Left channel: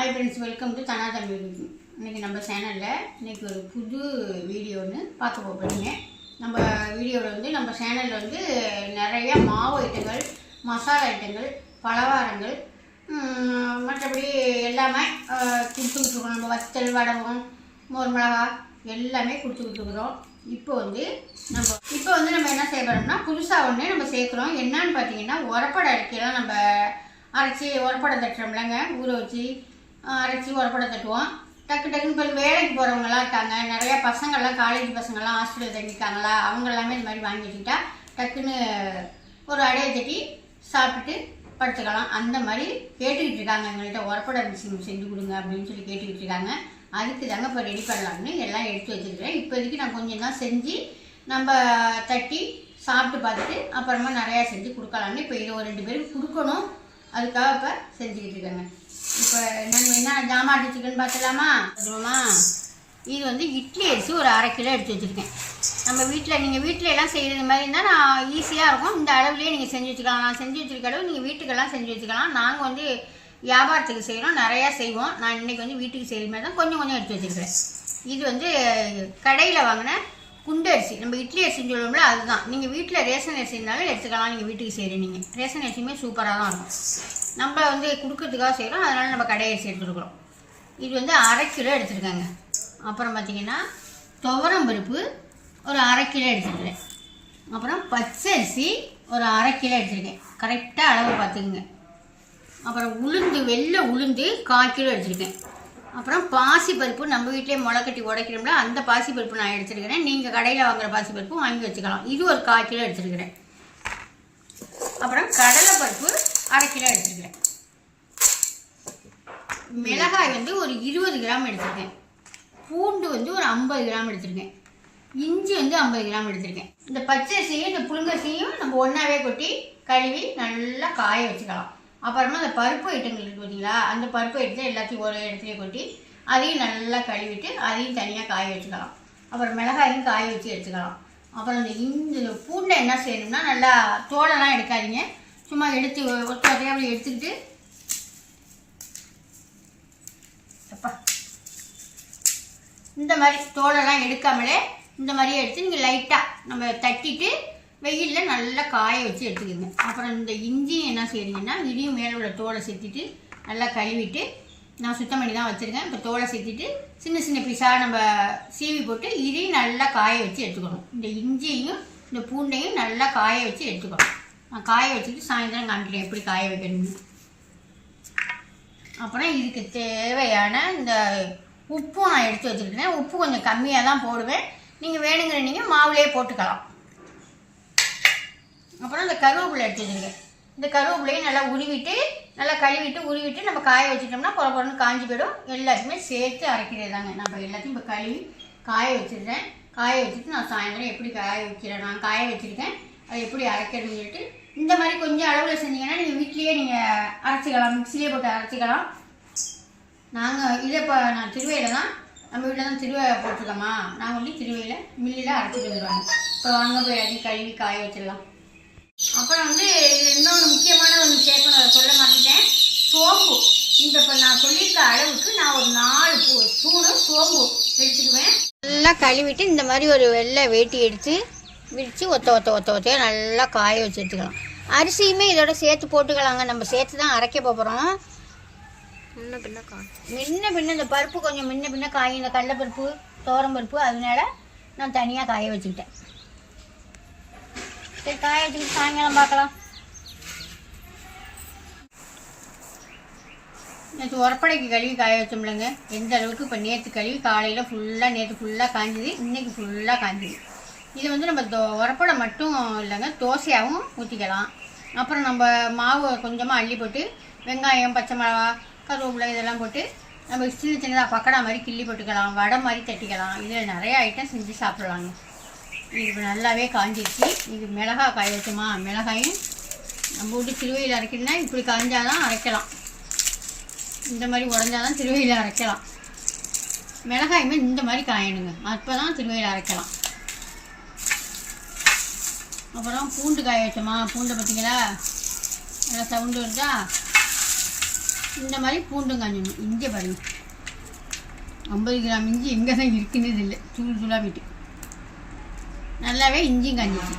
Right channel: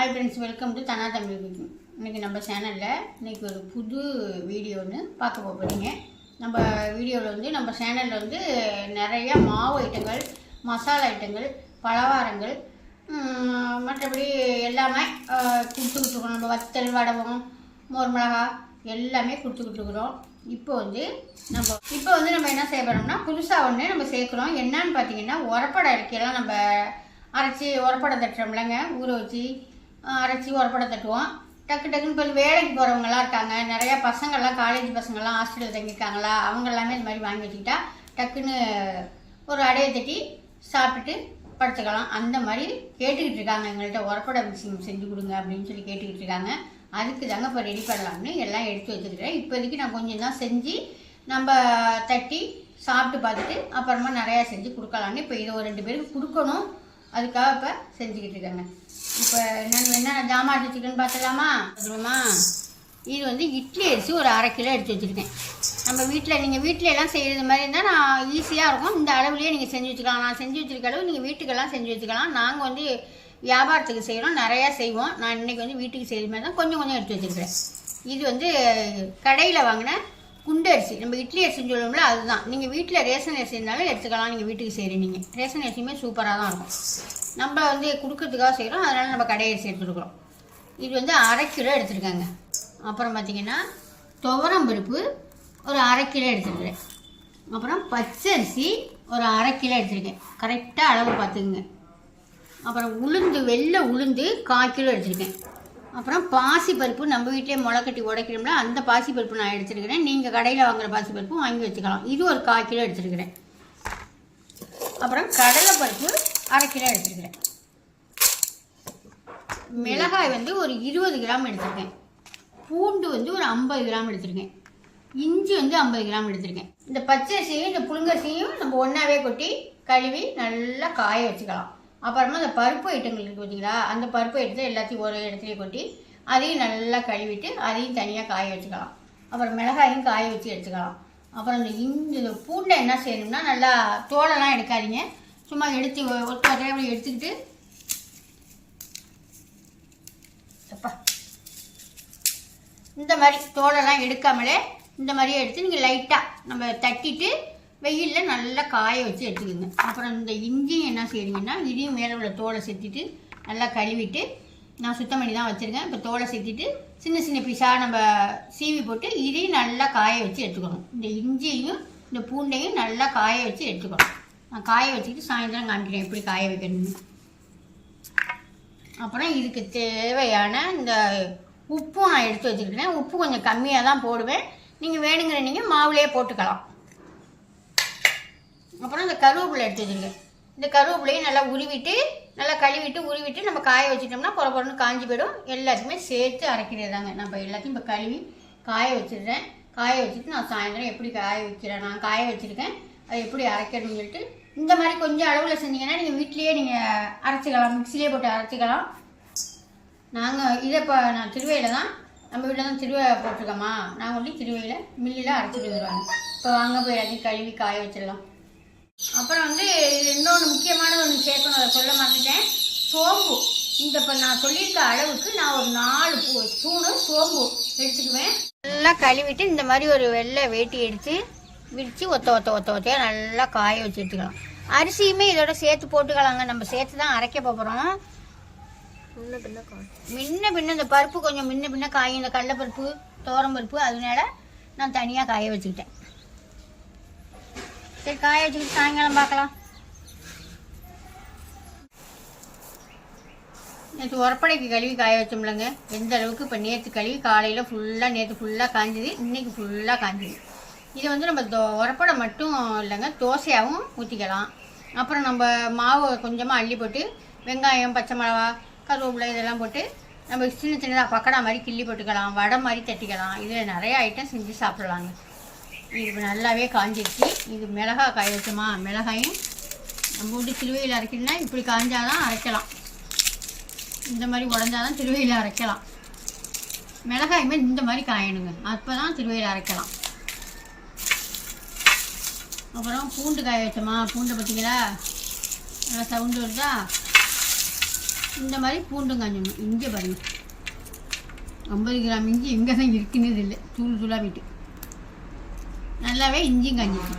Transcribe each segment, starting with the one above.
Hi friends, welcome to Dhana Tamil cooking. இன்றைக்கி நம்ம சேனலில் இன்றைக்கி ஒரு புது வீடியோ ஒன்று பார்க்க போகிறீங்க. நம்ம வீடியோவில் வந்து நம்ம சேனலில் வந்து நிறையா மாவு ஐட்டங்கள், மசாலா ஐட்டங்கள், பலகாரங்கள், மற்றபடி எல்லாமே கொடுத்துக்கிட்டுருக்கோம். நம்ம வத்தல், வடகம், மோர் மிளகா எல்லாமே கொடுத்துக்கிட்டுருக்குறோம். இப்போ வந்து நம்ம என்ன செய்ய போகிறோம்னா புதுசாக ஒன்று நம்ம சேர்க்குறோம். என்னன்னு பார்த்தீங்கன்னா உரப்படை அரிக்கையெல்லாம் நம்ம அரைச்சி உரப்படை தட்டுறோம்லங்க, ஊற வச்சு அரைச்சி உரப்படை தட்டுவோம். டக்குன்னு இப்போ வேலைக்கு போகிறவங்களாம் இருக்காங்க, நிறையா பசங்கள்லாம் காலேஜ் பசங்கள்லாம் ஹாஸ்டலில் தங்கியிருக்காங்களா, அவங்க எல்லாமே இந்த மாதிரி வாங்கி வச்சுக்கிட்டா டக்குன்னு ஒரு அடையை தட்டி சாப்பிட்டுட்டு படுத்துக்கலாம். அந்த மாதிரி கேட்டுக்கிட்டு இருக்காங்க, எங்கள்கிட்ட உரப்படை செஞ்சு கொடுங்க அப்படின்னு சொல்லி கேட்டுக்கிட்டு இருக்காங்க. அதுக்கு தாங்க இப்போ ரெடி பண்ணலாம்னு எல்லாம் எடுத்து வச்சுருக்கிறேன். இப்போதைக்கு நான் கொஞ்சம் தான் செஞ்சு நம்ம தட்டி சாப்பிட்டு பார்த்துட்டு அப்புறமா நிறையா செஞ்சு கொடுக்கலான்னு இப்போ இதை ஒரு 2 பேருக்கு கொடுக்கணும். அதுக்காக இப்போ செஞ்சுக்கிட்டு இருக்காங்க. இப்போ என்ன ஜாமான் வச்சுருக்கேன்னு பார்த்துக்கலாமா? இது வந்து இட்லி அரிசி ஒரு 1/2 கிலோ எடுத்து வச்சுருக்கேன். நம்ம நீங்கள் வீட்டில் எல்லாம் செய்கிறது மாதிரி இருந்தால் நான் ஈஸியாக இருக்கும். இந்த அளவுலேயே நீங்கள் செஞ்சு வச்சுக்கலாம். நான் செஞ்சு வச்சுருக்க அளவு நீங்கள் வீட்டுக்கெல்லாம் செஞ்சு வச்சுக்கலாம். நாங்கள் வந்து வியாபாரத்துக்கு செய்கிறோம், நிறையா செய்வோம். நான் இன்றைக்கி வந்து வீட்டுக்கு செய்கிற மாதிரி தான் கொஞ்சம் எடுத்து வச்சுருக்கிறேன். இது வந்து கடையில் வாங்கின குண்டு அரிசி, நம்ம இட்லி அரிசின்னு சொல்லுவோம்ல, அதுதான். நீங்கள் வீட்டில் ரேஷன் அரிசி இருந்தாலும் எடுத்துக்கலாம். நீங்கள் வீட்டுக்கு செய்கிறீங்க, ரேஷன் அரிசியுமே சூப்பராக தான் இருக்கும். நம்ம வந்து கொடுக்கறதுக்காக செய்கிறோம், அதனால் நம்ம கடை அரிசி எடுத்துருக்குறோம். இது வந்து 1/2 கிலோ எடுத்துருக்காங்க. அப்புறம் பார்த்திங்கன்னா துவரம் பருப்பு ஒரு 1/2 கிலோ எடுத்துருக்கிறேன். அப்புறம் பச்சரிசி ஒரு 1/2 கிலோ எடுத்துருக்கேன், கரெக்டாக அளவு பார்த்துக்குங்க. அப்புறம் வெள்ளை உளுந்து 1/4 கிலோ எடுத்துருக்கேன். அப்புறம் பாசிப்பருப்பு நம்ம வீட்டிலே முளைக்கட்டி உடைக்கிறோம்ல, அந்த பாசிப்பருப்பு நான் எடுத்துருக்கிறேன். நீங்கள் கடையில் வாங்குகிற பாசிப்பருப்பு வாங்கி வச்சுக்கலாம். இது ஒரு 1/4 கிலோ எடுத்துருக்கிறேன். அப்புறம் கடலைப்பருப்பு 1/2 கிலோ எடுத்துருக்கிறேன். மிளகாய் வந்து ஒரு 20 கிராம் எடுத்துருக்கேன். பூண்டு வந்து ஒரு 50 கிராம் எடுத்துருக்கேன். இஞ்சி வந்து 50 கிராம் எடுத்துருக்கேன். இந்த பச்சரிசியும் இந்த புழுங்கரிசியும் நம்ம ஒன்றாவே கொட்டி கழுவி நல்லா காய வச்சுக்கலாம். அப்புறமா அந்த பருப்பு ஐட்டங்கள் இருக்குது பார்த்தீங்களா, அந்த பருப்பு எடுத்து எல்லாத்தையும் ஒரு இடத்துலையே கொட்டி அதையும் நல்லா கழுவிட்டு அதையும் தனியாக காய வச்சுக்கலாம். அப்புறம் மிளகாயும் காய வச்சு எடுத்துக்கலாம். அப்புறம் இந்த பூண்டை என்ன செய்யணும்னா நல்லா தோலெல்லாம் எடுக்காதீங்க, சும்மா எடுத்து ஒத்தையாக அப்படி எடுத்துக்கிட்டு இந்த மாதிரி தோலெல்லாம் எடுக்காமலே இந்த மாதிரியே எடுத்து நீங்கள் லைட்டாக நம்ம தட்டிட்டு வெயிலில் நல்லா காய வச்சு எடுத்துக்கோங்க. அப்புறம் இந்த இஞ்சியும் என்ன செய்றீங்கன்னா இதையும் மேலே உள்ள தோலை சேர்த்திட்டு நல்லா கழுவிட்டு, நான் சுத்தம் பண்ணி தான் வச்சுருக்கேன். இப்போ தோலை சேர்த்திட்டு சின்ன பீஸாக நம்ம சீவி போட்டு இதையும் நல்லா காய வச்சு எடுத்துக்கணும். இந்த இஞ்சியையும் இந்த பூண்டையும் நல்லா காய வச்சு எடுத்துக்கணும். நான் காய வச்சுட்டு சாயந்தரம் காமிக்கிறேன் எப்படி காய வைக்கணும்னு. அப்புறம் இதுக்கு தேவையான இந்த உப்பும் நான் எடுத்து வச்சுருக்கிறேன். உப்பு கொஞ்சம் கம்மியாக தான் போடுவேன், நீங்கள் வேணுங்கிற நீங்கள் மாவுலேயே போட்டுக்கலாம். அப்புறம் இந்த கருவேப்பிலை எடுத்து வச்சுருக்கேன். இந்த கருவேப்பிலையும் நல்லா நல்லா கழுவிட்டு நம்ம காய வச்சுட்டோம்னா பொறன்னு காஞ்சி போயிடும். எல்லாத்தையுமே சேர்த்து அரைக்கிறது தாங்க. நான் இப்போ எல்லாத்தையும் இப்போ கழுவி காய வச்சிடுறேன். காய வச்சுட்டு நான் சாயந்தரம் எப்படி நான் காய வச்சுருக்கேன், அதை எப்படி அரைக்கணும்னு சொல்லிட்டு இந்த மாதிரி கொஞ்சம் அளவில் செஞ்சீங்கன்னா நீங்கள் வீட்லேயே நீங்கள் அரைச்சிக்கலாம், மிக்சிலேயே போட்டு அரைச்சிக்கலாம். இதை இப்போ நான் திருவையில் தான், நம்ம வீட்டில் தான் திருவை போட்டிருக்கோமா, நாங்கள் வந்து திருவையில் மில்லில் அரைச்சிட்டு வருவாங்க. இப்போ வாங்க போய் எல்லாத்தையும் கழுவி காய வச்சிடலாம். அப்புறம் வந்து இன்னொன்று முக்கியமான ஒன்று சேர்க்கணும், அதை சொல்ல மாட்டேன். சோம்பு இப்போ நான் சொல்லியிருக்க அளவுக்கு நான் ஒரு 4 ஸ்பூனு சோம்பு எடுத்துக்குவேன். நல்லா கழுவிட்டு இந்த மாதிரி ஒரு வெள்ளை வேட்டி எடுத்து விரித்து ஒத்தையாக நல்லா காய வச்சு எடுத்துக்கலாம். அரிசியுமே இதோட சேர்த்து போட்டுக்கலாங்க. நம்ம சேர்த்து தான் அரைக்க போகிறோம். முன்ன பின்ன இந்த பருப்பு கொஞ்சம் முன்ன பின்ன காயும், இந்த கடலைப்பருப்பு துவரம் பருப்பு, அதனால நான் தனியாக காய வச்சுக்கிட்டேன். சரி, காய வச்சுக்கிட்டு சாயங்காலம் பார்க்கலாம். நேற்று உரப்படைக்கு கழுவி காய வச்சோம்லங்க, எந்த அளவுக்கு இப்போ நேற்று கழுவி காலையில் நேற்று ஃபுல்லாக காஞ்சிது, இன்றைக்கி ஃபுல்லாக காஞ்சிது. இது வந்து நம்ம உரப்படை மட்டும் இல்லைங்க, தோசையாகவும் ஊற்றிக்கலாம். அப்புறம் நம்ம மாவு கொஞ்சமாக அள்ளி போட்டு வெங்காயம், பச்சை மிளகா, கருவேப்பிலை இதெல்லாம் போட்டு நம்ம சின்னதாக பக்கடா மாதிரி கிள்ளி போட்டுக்கலாம், வடை மாதிரி தட்டிக்கலாம். இதில் நிறைய ஐட்டம் செஞ்சு சாப்பிட்லாங்க. இது நல்லாவே காஞ்சிடுச்சு. இது மிளகாய் காய வச்சோமா, மிளகாயும் நம்ம விட்டு திருவையில் அரைக்கணும்னா இப்படி காஞ்சாதான் அரைக்கலாம், இந்த மாதிரி உடஞ்சாதான் திருவையில் அரைக்கலாம். மிளகாயுமே இந்த மாதிரி காயணுங்க, அப்போ தான் திருவையில் அரைக்கலாம். அப்புறம் பூண்டு காய வச்சோமா, பூண்டை பார்த்தீங்களா நல்லா சவுண்டு வருதா, இந்த மாதிரி பூண்டும் காஞ்சணும். இங்கே பாருங்கள் 50 கிராம் இஞ்சி எங்கே தான் இருக்குன்னு இல்லை, தூள் தூளாக விட்டு நல்லாவே இஞ்சியும் காஞ்சிடுச்சு.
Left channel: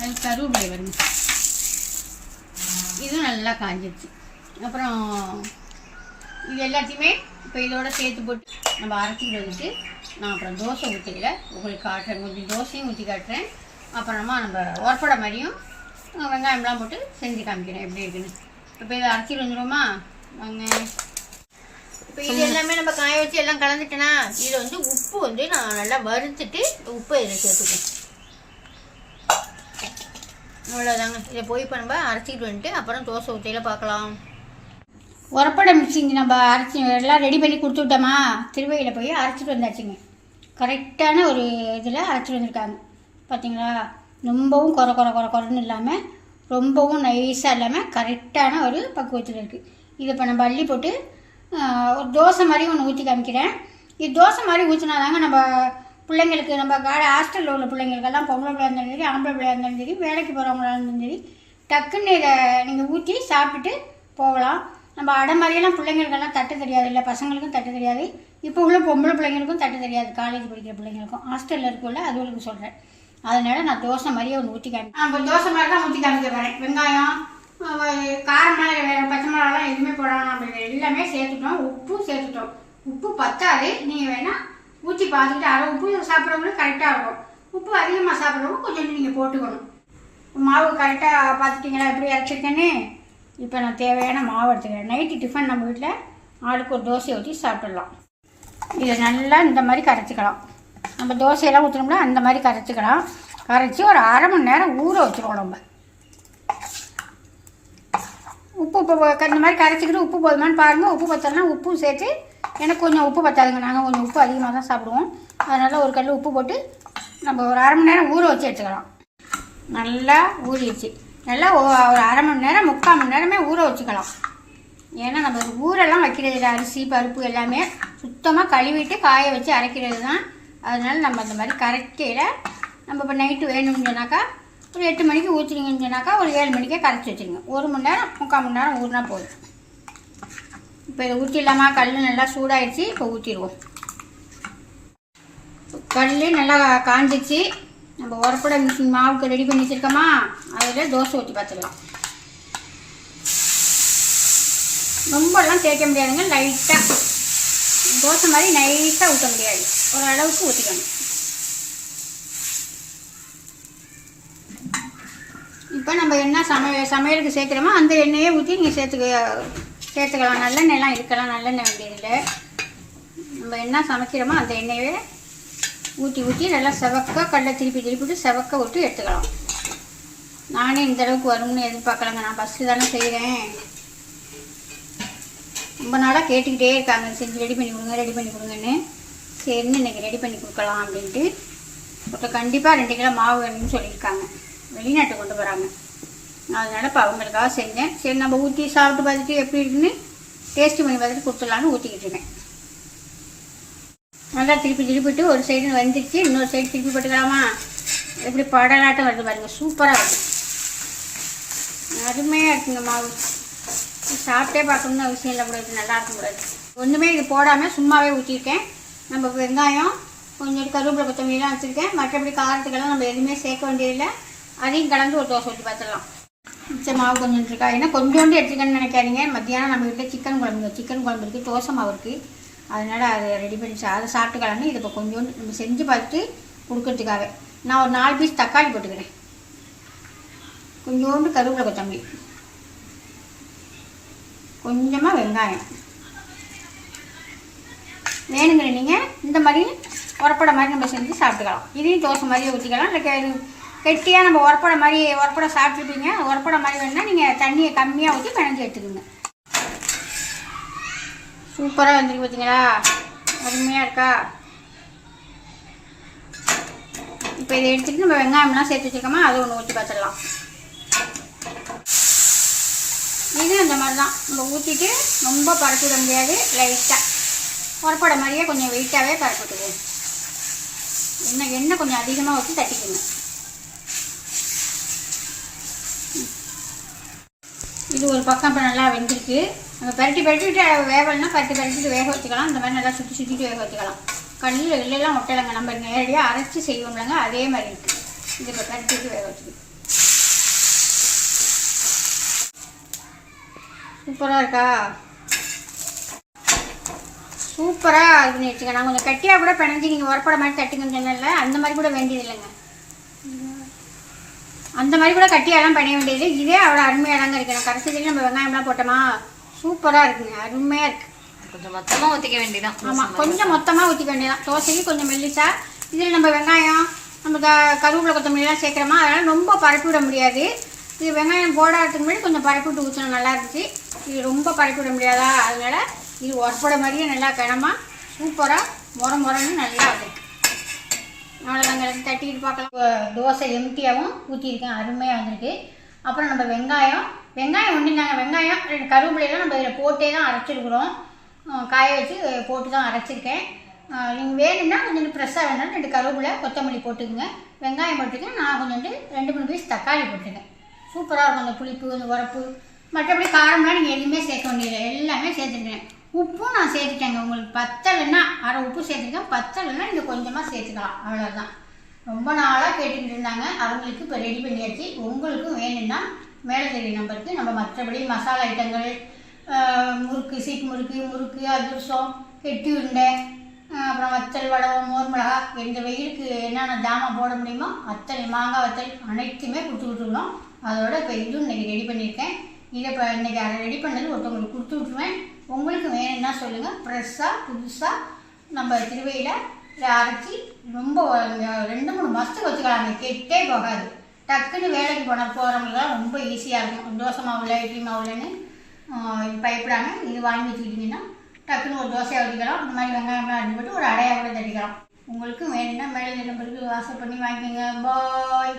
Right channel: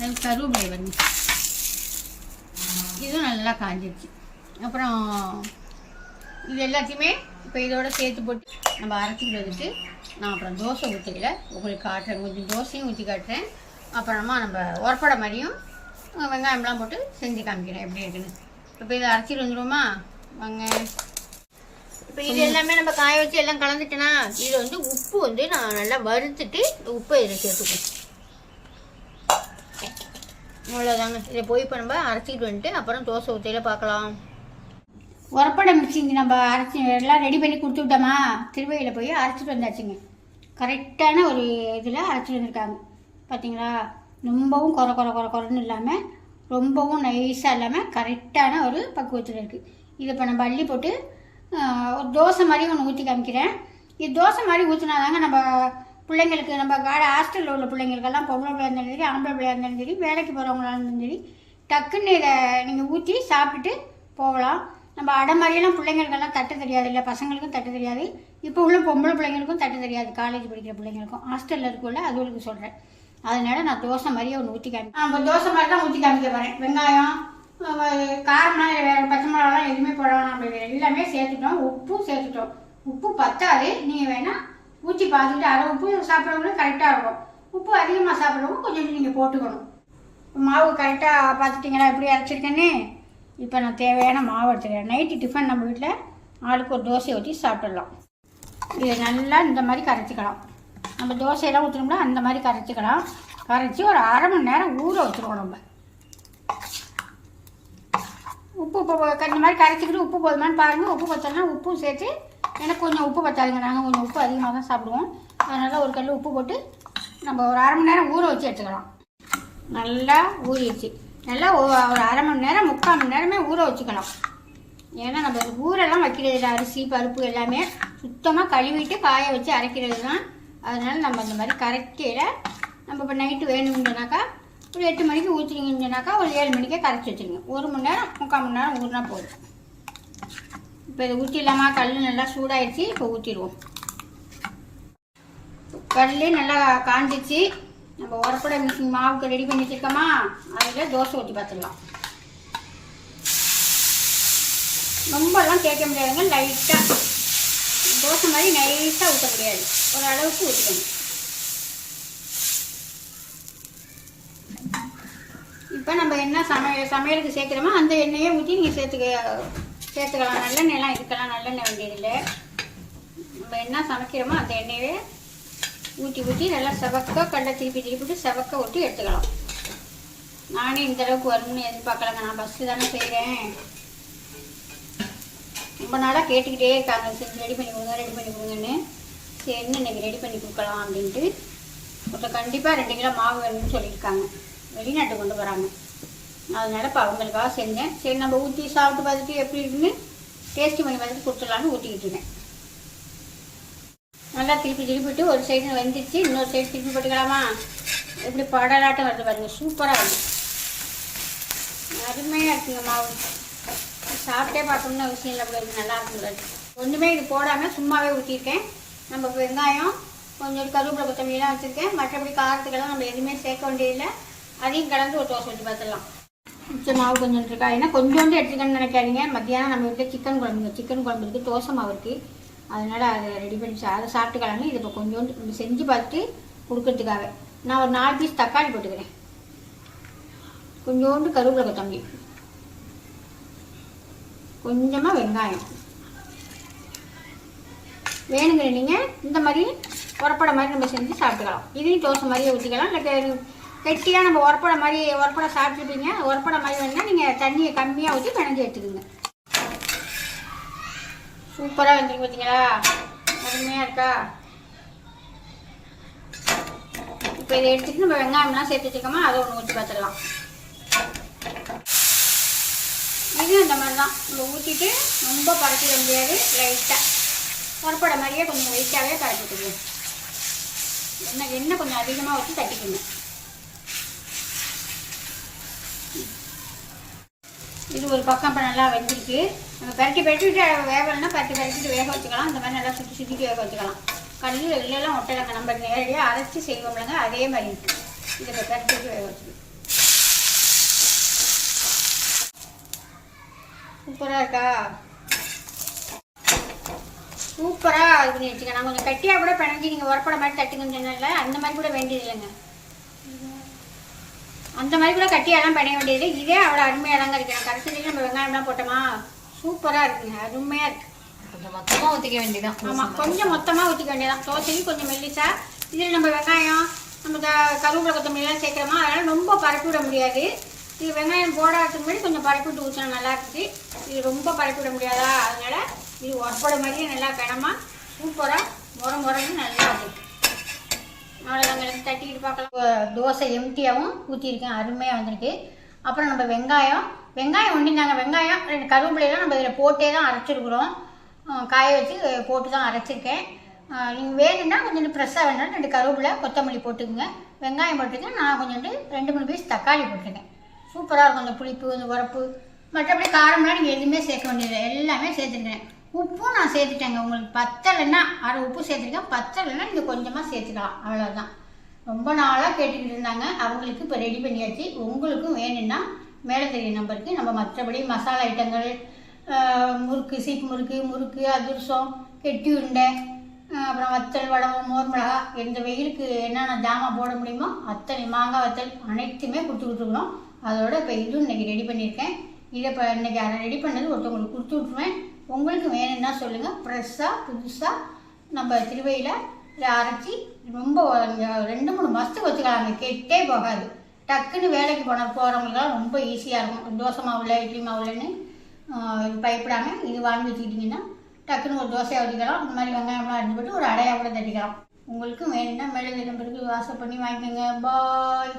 அது கருவேப்பிலை பாருங்க, இதுவும் நல்லா காஞ்சிடுச்சு. அப்புறம் இது எல்லாத்தையுமே இப்போ இதோட சேர்த்து போட்டு நம்ம அரைச்சிட்டு வந்துட்டு நான் அப்புறம் தோசை ஊற்றிக்கல உங்களுக்கு காட்டுறேன். கொஞ்சம் தோசையும் ஊற்றி காட்டுறேன். அப்புறமா நம்ம உரப்படை மாதிரியும் வெங்காயம்லாம் போட்டு செஞ்சு காமிக்கிறேன் எப்படி இருக்குன்னு. இப்போ இதை அரைச்சிட்டு வந்துடுவோமா வாங்க. இப்போ இது எல்லாமே நம்ம காய வச்சு எல்லாம் கலந்துட்டேன்னா இது வந்து உப்பு வந்து நான் நல்லா வறுத்துட்டு உப்பை இதை சேர்த்துக்குவோம். அவ்வளோதாங்க. இதை போய் இப்போ நம்ம அரைச்சிட்டு வந்துட்டு அப்புறம் தோசை ஊற்றியில் பார்க்கலாம். உரப்படை மிக்சிங்க நம்ம அரைச்சி எல்லாம் ரெடி பண்ணி கொடுத்து விட்டோமா, திருவையில் போய் அரைச்சிட்டு வந்தாச்சுங்க. கரெக்டான ஒரு இதில் அரைச்சிட்டு வந்திருக்காங்க பார்த்தீங்களா. ரொம்பவும் குறன்னு இல்லாமல் ரொம்பவும் நைஸாக இல்லாமல் கரெக்டான ஒரு பக்குவத்தில் இருக்குது. இதை இப்போ நம்ம அள்ளி போட்டு ஒரு தோசை மாதிரி ஒன்று ஊற்றி காமிக்கிறேன். இது தோசை மாதிரி ஊற்றினாதாங்க நம்ம பிள்ளைங்களுக்கு, நம்ம ஹாஸ்டலில் உள்ள பிள்ளைங்களுக்கெல்லாம் பொம்பளை பிள்ளையா இருந்தாலும் சரி, ஆம்பளை பிள்ளையா இருந்தாலும் சரி, வேலைக்கு போகிறவங்களா இருந்தாலும் சரி, டக்குன்னு இதை நீங்கள் ஊற்றி சாப்பிட்டுட்டு போகலாம். நம்ம அடை மாதிரியெல்லாம் பிள்ளைங்களுக்கெல்லாம் தட்ட தெரியாது, இல்லை பசங்களுக்கும் தட்ட தெரியாது. இப்போ உள்ள பொம்பளை பிள்ளைங்களுக்கும் தட்ட தெரியாது, காலேஜ் படிக்கிற பிள்ளைங்களுக்கும் ஹாஸ்டலில் இருக்குள்ள அதுகளுக்கு சொல்கிறேன். அதனால் நான் தோசை மாதிரியே ஒன்று ஊற்றி காமிக்கிறேன். இப்போ தோசை மாதிரி தான் ஊற்றி காமிக்க போகிறேன். வெங்காயம், காரம்னா வேறு பச்சை மிளகாலாம் எதுவுமே போடலாம். நம்ம எல்லாமே சேர்த்துட்டோம், உப்பும் சேர்த்துட்டோம். உப்பு பத்தாது, நீங்கள் வேணால் ஊற்றி பார்த்துக்கிட்டு அரை உப்பு சாப்பிட்றவங்களும் கரெக்டாக இருக்கும். உப்பு அதிகமாக சாப்பிட்றவங்க கொஞ்சம் நீங்கள் போட்டுக்கணும். மாவு கரெக்டாக பார்த்துட்டிங்களா எப்படி அரைச்சிருக்கேன்னு. இப்போ நான் தேவையான மாவு எடுத்துக்கிறேன். நைட்டு டிஃபன் நம்ம வீட்டில் ஆளுக்கு ஒரு தோசையை ஊற்றி சாப்பிட்றலாம். இதை நல்லா இந்த மாதிரி கரைச்சிக்கலாம். நம்ம தோசையெல்லாம் ஊற்றணும்னா அந்த மாதிரி கரைச்சிக்கலாம். கரைச்சி ஒரு அரை மணி நேரம் ஊற வச்சுருவோம். நம்ம உப்பு இப்போ இந்த மாதிரி கரைச்சிக்கிட்டு உப்பு போதுமான்னு பாருங்கள். உப்பு பத்தலைன்னா உப்பும் சேர்த்து, எனக்கு கொஞ்சம் உப்பு பத்தாதுங்க, நாங்கள் கொஞ்சம் உப்பு அதிகமாக தான் சாப்பிடுவோம். அதனால் ஒரு கல் உப்பு போட்டு நம்ம ஒரு அரை மணி நேரம் ஊற வச்சு எடுத்துக்கலாம். நல்லா ஊறிடுச்சு. நல்லா ஒரு அரை மணி நேரம் 3/4 மணி நேரமே ஊற வச்சுக்கலாம். ஏன்னா நம்ம ஊரெல்லாம் வைக்கிறது இல்லை, அரிசி பருப்பு எல்லாமே சுத்தமாக கழுவிட்டு காய வச்சு அரைக்கிறது தான். அதனால் நம்ம அந்த மாதிரி கரைக்கையில் நம்ம இப்போ நைட்டு வேணும்னு சொன்னாக்கா ஒரு 8 மணிக்கு ஊற்றினீங்கன்னு சொன்னாக்கா ஒரு 7 மணிக்கே கரைச்சி வச்சுருங்க. 1 மணி நேரம் 3/4 மணி நேரம் ஊறினா போதும். இப்போ இதை ஊற்றிடலாமா? கல் நல்லா சூடாகிடுச்சு. இப்போ ஊற்றிடுவோம். கல் நல்லா காஞ்சிச்சு. நம்ம உரப்படை மிஷின் மாவுக்கு ரெடி பண்ணி வச்சுருக்கோமா, அதில் தோசை ஊற்றி பார்த்துடலாம். ரொம்பலாம் தேய்க்க முடியாதுங்க, லைட்டாக தோசை மாதிரி நைஸாக ஊற்ற முடியாது, ஒரு அளவுக்கு ஊற்றிக்கணும். இப்போ நம்ம என்ன சமையலுக்கு சேர்க்குறோமோ அந்த எண்ணெயே ஊற்றி நீங்கள் சேர்த்துக்கலாம். நல்லெண்ணெய்லாம் இருக்கலாம், நல்லெண்ணெய் வேண்டியதில்லை. நம்ம என்ன சமைக்கிறோமோ அந்த எண்ணெயே ஊற்றி நல்லா செவக்க கடலை திருப்பிட்டு செவக்க ஊற்றி எடுத்துக்கலாம். நானே இந்த அளவுக்கு வரும்னு எதிர்பார்க்கலாங்க. நான் ஃபஸ்ட்டு தானே செய்கிறேன். ரொம்ப நாளாக கேட்டுக்கிட்டே இருக்காங்க, செஞ்சு ரெடி பண்ணி கொடுங்கன்னு. சரின்னு இன்றைக்கி ரெடி பண்ணி கொடுக்கலாம் அப்படின்ட்டு. ஒருத்தர் கண்டிப்பாக 2 கிலோ மாவு வேணும்னு சொல்லியிருக்காங்க, வெளிநாட்டு கொண்டு போகிறாங்க. அதனால் இப்போ அவங்களுக்காக செஞ்சேன். சரி நம்ம ஊற்றி சாப்பிட்டு பார்த்துட்டு எப்படி இருக்குன்னு டேஸ்ட்டு பண்ணி பார்த்துட்டு கொடுத்துடலான்னு ஊற்றிக்கிட்டு இருக்கேன். நல்லா திருப்பிட்டு ஒரு சைடு வந்துச்சு, இன்னொரு சைடு திருப்பி போட்டுக்கலாமா? எப்படி படலாட்டம் வருது பாருங்க, சூப்பராக வருது, அருமையாக இருக்குங்க. மாவு சாப்பிட்டே பார்க்கணும்னு அவசியம் இல்லை, கூட நல்லா இருக்கும் கூடாது. ஒன்றுமே இது போடாமல் சும்மாவே ஊற்றிருக்கேன். நம்ம வெங்காயம் கொஞ்சம் கருவேப்பிலை கொத்தமல்லாம் வச்சுருக்கேன். மற்றபடி காரத்துக்கெல்லாம் நம்ம எதுவுமே சேர்க்க வேண்டியதில்லை. அதையும் கலந்து ஒரு தோசை ஊற்றி பார்த்துடலாம். மிச்ச மாவு கொஞ்சம் இருக்கா, ஏன்னா கொஞ்சோண்டு எடுத்துக்கணும்னு நினைக்காதீங்க. மத்தியானம் நம்ம வீட்டில் சிக்கன் குழம்பு இருக்குது, தோசை மாவு இருக்குது. அதனால் அதை ரெடி பண்ணி அதை சாப்பிட்டுக்கலான்னு இது இப்போ கொஞ்சோண்டு நம்ம செஞ்சு பார்த்துட்டு கொடுக்கறதுக்காக நான் ஒரு 4 பீஸ் தக்காளி போட்டுக்கிறேன். கொஞ்சோண்டு கருவேப்பிலை கொத்தமல்லி, கொஞ்சமாக வெங்காயம். வேணுங்கிற நீங்கள் இந்த மாதிரி உரப்படை மாதிரி நம்ம செஞ்சு சாப்பிட்டுக்கலாம். இதையும் தோசை மாதிரியே ஊற்றிக்கலாம். இல்லை கெட்டியாக நம்ம உரப்படை சாப்பிட்டுட்டீங்க, உரப்படை மாதிரி வேணுன்னா நீங்கள் தண்ணியை கம்மியாக ஊற்றி பிணைஞ்சு எடுத்துக்கோங்க. சூப்பராக வந்துருக்கு பார்த்தீங்களா, அருமையாக இருக்கா? இப்போ இதை எடுத்துகிட்டு நம்ம வெங்காயம்லாம் சேர்த்து வச்சுக்கோமா, அதை ஒன்று ஊற்றி பார்த்துடலாம். இது அந்த மாதிரி தான் நம்ம ஊற்றிட்டு ரொம்ப பரப்பிட முடியாது, லைட்டாக உரப்படை மாதிரியே கொஞ்சம் வெயிட்டாகவே பரப்பிட்டுது. எண்ணெய் கொஞ்சம் அதிகமாக ஊற்றி தட்டிக்கணும். இது ஒரு பக்கம் இப்போ நல்லா வெந்திருக்கு. நம்ம பரட்டிட்டு வேகலைன்னா பரட்டிட்டு வேக வச்சுக்கலாம். இந்த மாதிரி நல்லா சுற்றிட்டு வேக வச்சுக்கலாம். கல்லில் எல்லாம் ஒட்டலைங்க, நம்ம நேரடியாக அரைச்சி செய்வோம்லங்க, அதே மாதிரி இருக்குது. இது இப்போ பரட்டிட்டு வேக வச்சுக்கலாம். சூப்பராக இருக்கா? சூப்பராக இது பண்ணி வச்சுக்கேன். நான் கொஞ்சம் கட்டியாக கூட பிணைஞ்சி நீங்கள் உரப்பட மாதிரி தட்டுங்கன்னு சொன்னல, அந்த மாதிரி கூட வேண்டியது இல்லைங்க. அந்த மாதிரி கூட கட்டியெல்லாம் பண்ண வேண்டியது. இதே அவ்வளோ அருமையாக தாங்க இருக்குது. கடைசியில் நம்ம வெங்காயம்லாம் போட்டோமா, சூப்பராக இருக்குங்க, அருமையாக இருக்குது. கொஞ்சம் மொத்தமாக ஊற்றிக்க வேண்டியதான். ஆமாம், கொஞ்சம் மொத்தமாக ஊற்றிக்க வேண்டியதான். தோசைக்கு கொஞ்சம் மெல்லிசா. இதில் நம்ம வெங்காயம், நம்ம கருவேப்பிலை கொத்தமல்லிலாம் சேர்க்குறோமா, அதனால் ரொம்ப பரப்பி விட முடியாது. இது வெங்காயம் போடாததுக்கு முன்னாடி கொஞ்சம் பரப்பி விட்டு ஊற்றணும், நல்லா இருந்துச்சு. இது ரொம்ப பரப்பி விட முடியாதா, அதனால் இது உரப்பட மாதிரியே நல்லா கிணமா சூப்பராக முறைன்னு நல்லா இருக்குது. அவ்வளோதாங்க, தட்டிக்கிட்டு பார்க்கலாம். தோசை எம்டியாகவும் ஊற்றிருக்கேன், அருமையாக வந்திருக்கு. அப்புறம் நம்ம வெங்காயம் ஒன்றுந்தாங்க. வெங்காயம் கருவேப்பிலையெல்லாம் நம்ம இதில் போட்டே தான் அரைச்சிருக்கிறோம். காய வச்சு போட்டு தான் அரைச்சிருக்கேன். நீங்கள் வேணும்னா கொஞ்சம் ஃப்ரெஷ்ஷாக வேணும்னா 2 கருவேப்பிலை கொத்தமல்லி போட்டுக்குங்க. வெங்காயம் போட்டுக்கேன். நான் கொஞ்சோண்டு 2-3 பீஸ் தக்காளி போட்டுருக்கேன். சூப்பராக இருக்கும். அந்த புளிப்பு, அந்த உரப்பு, மற்றபடி காரம்லாம் நீங்கள் எதுவுமே சேர்க்க வேண்டியது, எல்லாமே சேர்த்துருக்கேன். உப்பும் நான் சேர்த்துட்டேங்க. உங்களுக்கு பத்தலைன்னா அரை உப்பு சேர்த்துருக்கேன். பத்தலைன்னா நீங்கள் கொஞ்சமாக சேர்த்துக்கலாம், அவ்வளோதான். ரொம்ப நாளாக கேட்டுக்கிட்டு இருந்தாங்க, அவங்களுக்கு இப்போ ரெடி பண்ணியாச்சு. உங்களுக்கும் வேணும்னா மேலே தெரிய நம்பருக்கு நம்ம மற்றபடி மசாலா ஐட்டங்கள், முறுக்கு, சீப்பு முறுக்கு, அதிரசம், கெட்டி உருண்டை, அப்புறம் வத்தல், வடகம், மோர் மிளகா, எந்த வெயிலுக்கு என்னென்ன ஜாமான் போட முடியுமோ அத்தனை மாங்காய் வத்தல் அனைத்துமே கொடுத்துக்கிட்டுருக்கணும். அதோட இப்போ இதுவும் இன்றைக்கி ரெடி பண்ணியிருக்கேன். இதை இப்போ இன்றைக்கி அதை ரெடி பண்ணது ஒருத்தவங்களுக்கு கொடுத்து விட்ருவேன். உங்களுக்கு வேணும்னா சொல்லுங்கள். ஃப்ரெஷ்ஷாக புதுசாக நம்ம திருவையில் இதை அரைச்சி ரொம்ப 2-3 மாதத்துக்கு வச்சுக்கலாம். கெட்டே போகாது. டக்குன்னு வேலைக்கு போகிறவங்களுக்குலாம் ரொம்ப ஈஸியாக இருக்கும். தோசை மாவில், இட்லி மாவுலன்னு பயப்படாமல் இது வாங்கி வச்சுக்கிட்டிங்கன்னா டக்குன்னு ஒரு தோசையாக ஊற்றிக்கலாம். இந்த மாதிரி வெங்காயம்லாம் அரைஞ்சி போட்டு ஒரு அடையாக கூட தட்டிக்கலாம். உங்களுக்கு வேணும்னா மேலே நம்பருக்கு வாட்ஸ்அப் பண்ணி வாங்கிக்கோங்க. பாய்.